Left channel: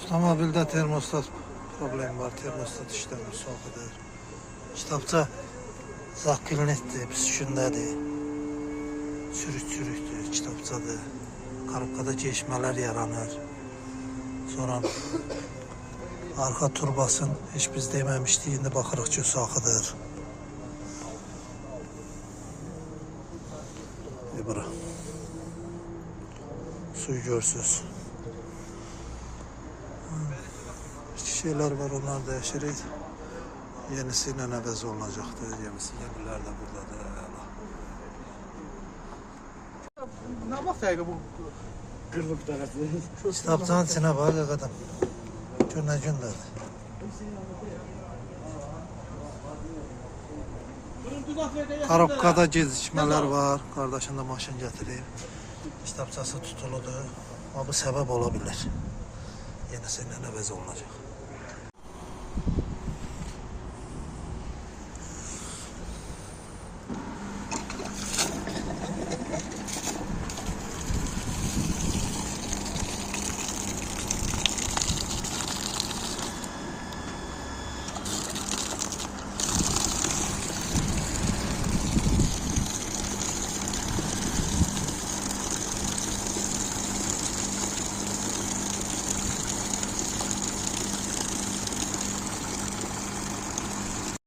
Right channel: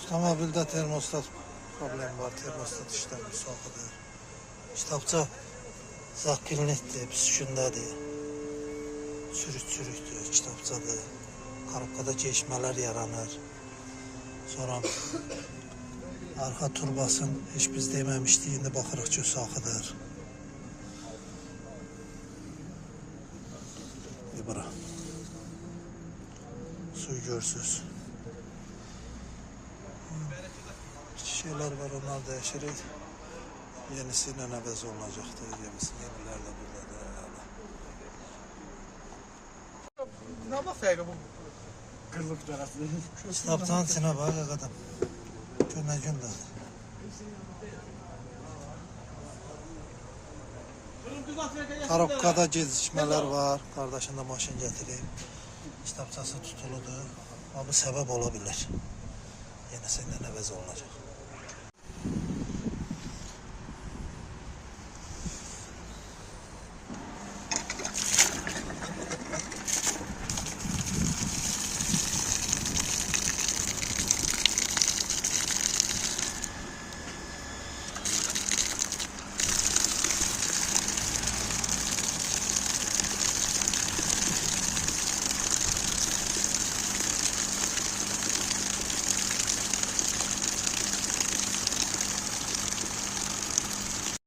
Avtomobilde termostat problemi var. Termostat işlemi soğukudur. Kitapça zakilnettir, püskündədir. Çürük-çürükdür, kitapçadır. Qarabqada geçmələr yaranır. Sonra arxa turbasın heç biz deməmişdik, indi baxırıq ki, saxıdır. Bura. Suyu görsüz. İki şeyler var, onlar değişir. Yenisiyle əvəz olacaqdır. Yeniler de buradadır. Ne bakayım bu kırlık tarafı? Kitapçanın içine bak adam. Günə gündədir. Qarabqada gecikmələr var. Qardaşın da maşın gətirib. Kitapçası tutuludur. Ama bu səbəb ola bilər. Yenisiyle əvəz olacaq.